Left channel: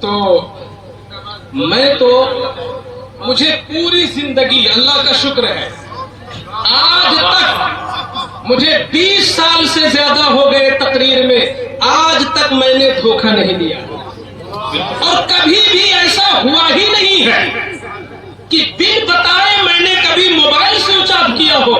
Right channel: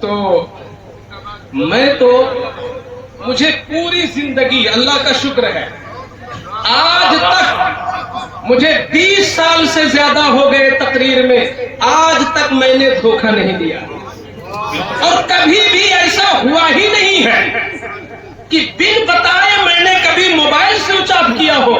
تو مجھے پوری زندگی اللہ کا شکر ہے، آج تک مجھے 20 سال سے زیادہ ہو گئے تقریر میں، آج تک میں نے دھوکہ نہیں دیا، اور کبھی بھی ایسا ہوا ہی نہیں ہے کہ بن بتائے میں نے کبھی موبائل سوئچ آف کیا ہو،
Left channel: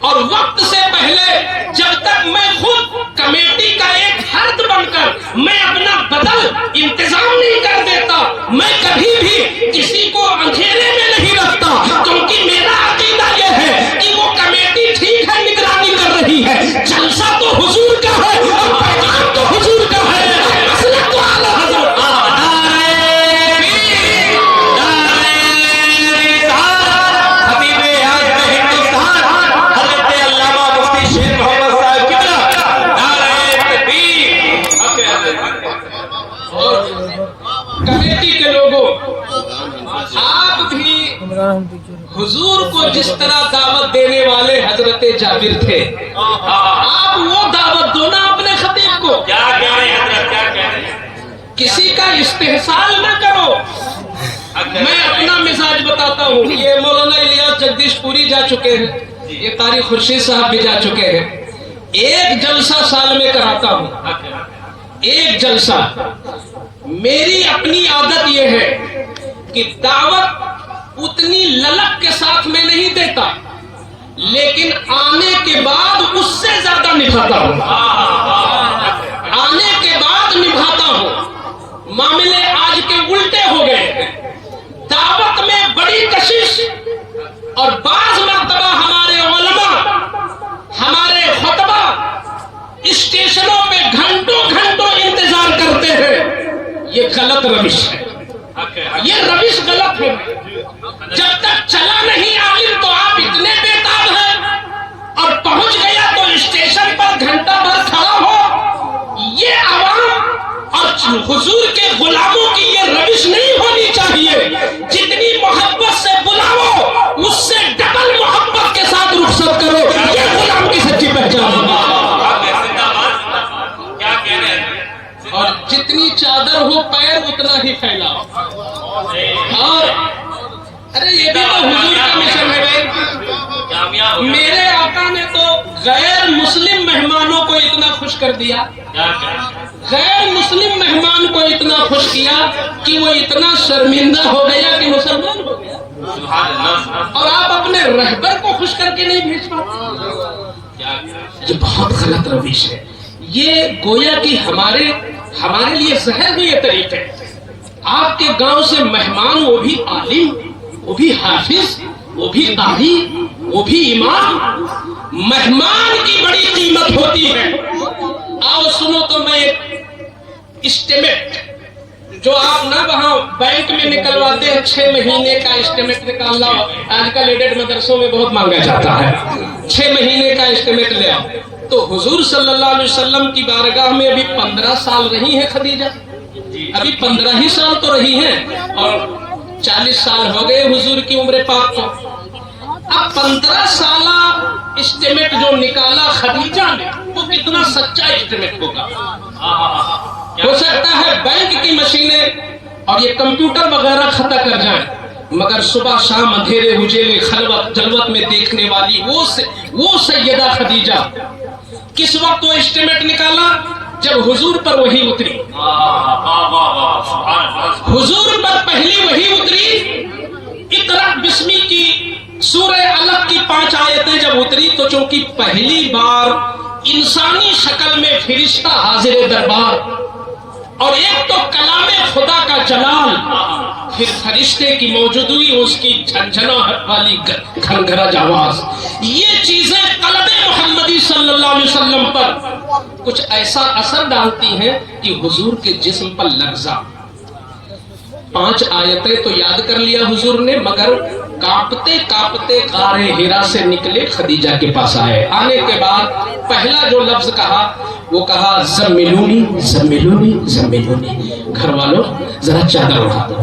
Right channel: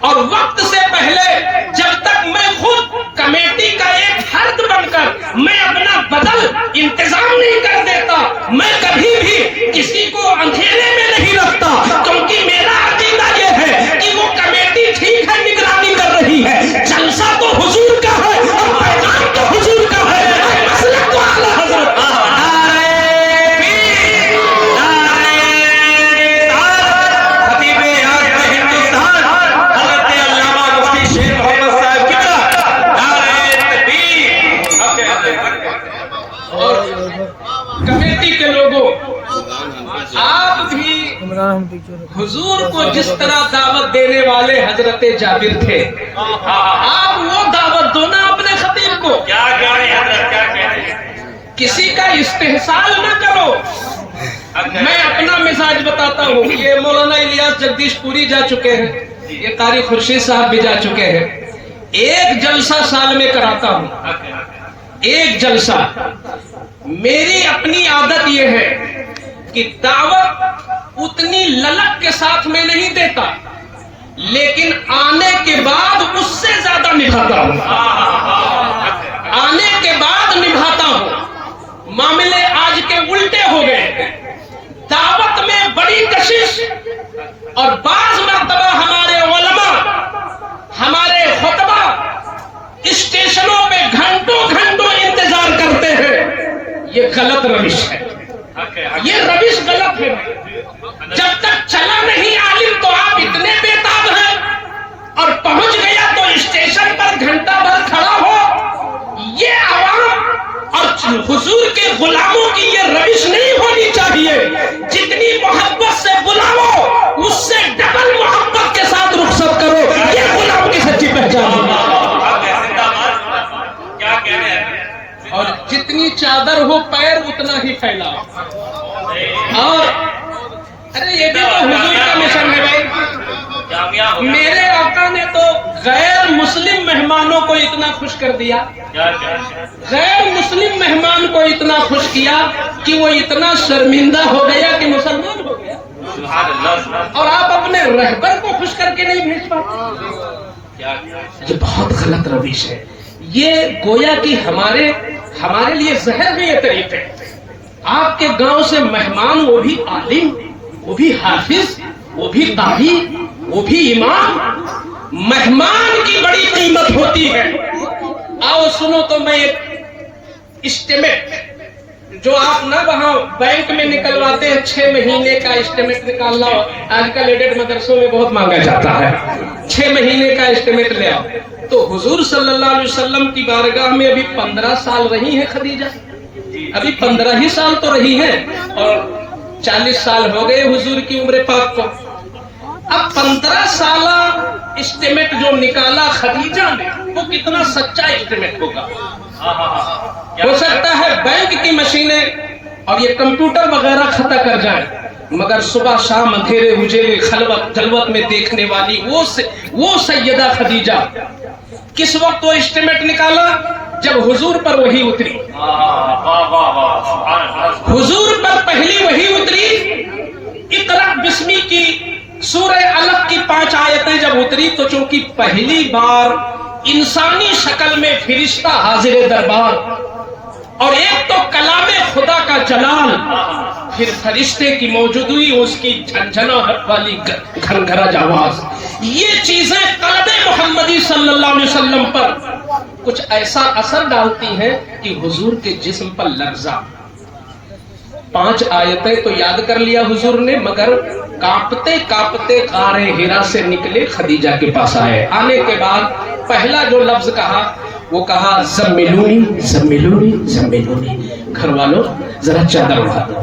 اور وقت سے پہلے جب تک میں خود کمیٹی کا ایک فرد بن کر میں اپنا بدل انتظام نہیں کر دیتا، میں کبھی بھی کسی کو اندھیرے میں نہیں رکھتا، کیونکہ میرا عقیدہ یہ ہے کہ وہ کمیٹی ٹھیک ہے، نگرانی کر رہی ہے، جلسہ تو حضور کا ہے، پیغام تو حضور کا ہے، مسئلہ تو اعلیٰ حضرت کا ہے۔ کمیٹی کے لوگوں، آپ بھی حضور کو جس طرح دعوت دینے والے حضرت جابر تھے، آپ وہ دعوت دو نا اپنے خطیب کو، کسی کا استحسان نہ کرو۔ میں اپنا مزاج بتاتا ہوں، یہ مولانا الیاس جگدیش پوری جا چکے ہیں، یہ طارق خورشید صاحب بھی جا چکے ہیں، ایک جلسہ سال میں کراتا ہوں، ایک جلسہ۔ میری اپنی عادت یہ ہے کہ دعوت اتنی للک کے ساتھ میں نہیں دیتا، لیکن آنے کے بعد اس سے زیادہ نبھاتا ہوں، آنے کے بعد نبھاتا ہوں۔ معاملے آج کے الٹے ہو گئے، دعوت میں بڑی کشش، اور بعض مرتبہ ہمارے علماء، ہمارے خطبہ اسٹیشنوں پہ گھنٹوں گھنٹوں انتظار کرتے ہیں، یہ غلط روش ہے، یہ روش غلط ہے۔ جب تک چلا نہیں عالم تو آپ اتنے بےتاب ہیں، اور پہنچ گیا تو اسٹیشن پر گھنٹہ بھر کھڑا ہو، یہ عوام اور حضور کے غلاموں کی یہ روش نہیں ہونی چاہیے۔ جتنی محبت سے بلاؤ، اس سے ڈبل محبت کے ساتھ رخصت کرو، یہ غلام کی سچی پہچان ہے۔ اور جتنی چادر ہو پیر اتنا ہی پھیلاؤ۔ اور ارے یہ بھی تو حضور کا مشن ہے بھائی، میرے آقا نے تو غیر مسلم مہمانوں کو اتنا خوش کر دیا، غیر مسلم مہمان کو اتنا خوش کیا کہ وہ اتنا شرمندہ ہو گیا کہ مسلمان ہو گیا، اور آپ اپنے رہبر کو خوش کر کے نہیں بھیج پاتے۔ یہ بہت غلط روش ہے، یہ گویا کہ ہمارے لیے زہر ہے یہ طریقے۔ آپ کے گاؤں سے مہمان، وہ بھی عالم، وہ بھی حافظ، وہ بھی قاری، وہ بھی امام، مہمان کی بڑی قیمت ہوتی ہے۔ آؤ سنو تو میں ایک اسٹیمیٹ جو آپ نہ وہاں بینک میں نکلواتے ہیں، 6 مہینے کا اسٹیمیٹ نکالنا آج کل ایڈڈ مدرسوں میں بہت مانگا جاتا ہے، 6 مہینے کا اسٹیمیٹ لے آؤ۔ تو حضور صلی اللہ علیہ وسلم کی بارگاہ میں ابھی 15 سال رہی ہیں خدیجہ، ابھی 15 ہی سال تو رہی ہیں، اور 40 سال ہو گئے حضور کی عمر پاک کو۔ اب 15 سالہ اسٹیمیٹ جو نکالا خدیجہ نے، وہ کتنا سچا اسٹیمیٹ ہوگا؟ ہو سکتا ہے بینک کی مشینیں اور یہ کمپیوٹر وغیرہ خطا کر جائیں، مگر صبح شام اندھیرے اجیلے خلوت جلوت میں دیکھنے والی وہ سیدہ خدیجہ، کس وقت وہ اسٹیمیٹ نکالا؟ جب حضور پر وحی اتری، حضور پر پہلی وحی اتری، اقرأ بسمی کی سورہ علق کی 5 آیتیں جب اتری، تو چونکہ پہلی بار انسانی شکل میں فرشتہ حاضر دربار، اور ایک تو کلام خدا کا جلال، پھر فرشتے کی موجودگی، اس کی جھنجھناہٹ والی گھنگھراج آواز، یہ چیزیں قلب محمدی صلی اللہ علیہ وسلم پر کچھ ایسا اثر ڈالتی ہیں کہ حضور کے جسم پر لرزہ۔ 5 آیتیں تو یاد کر لیا حضور نے، مگر کانپتے کانپتے غار حرا سے نکلے، خدیجہ کے پاس آئے۔ آنے کے بعد پہلا جو لفظ کہا، وہ کہا زملونی زملونی زملونی، گھر والوں ذرا چادر اڑا دو،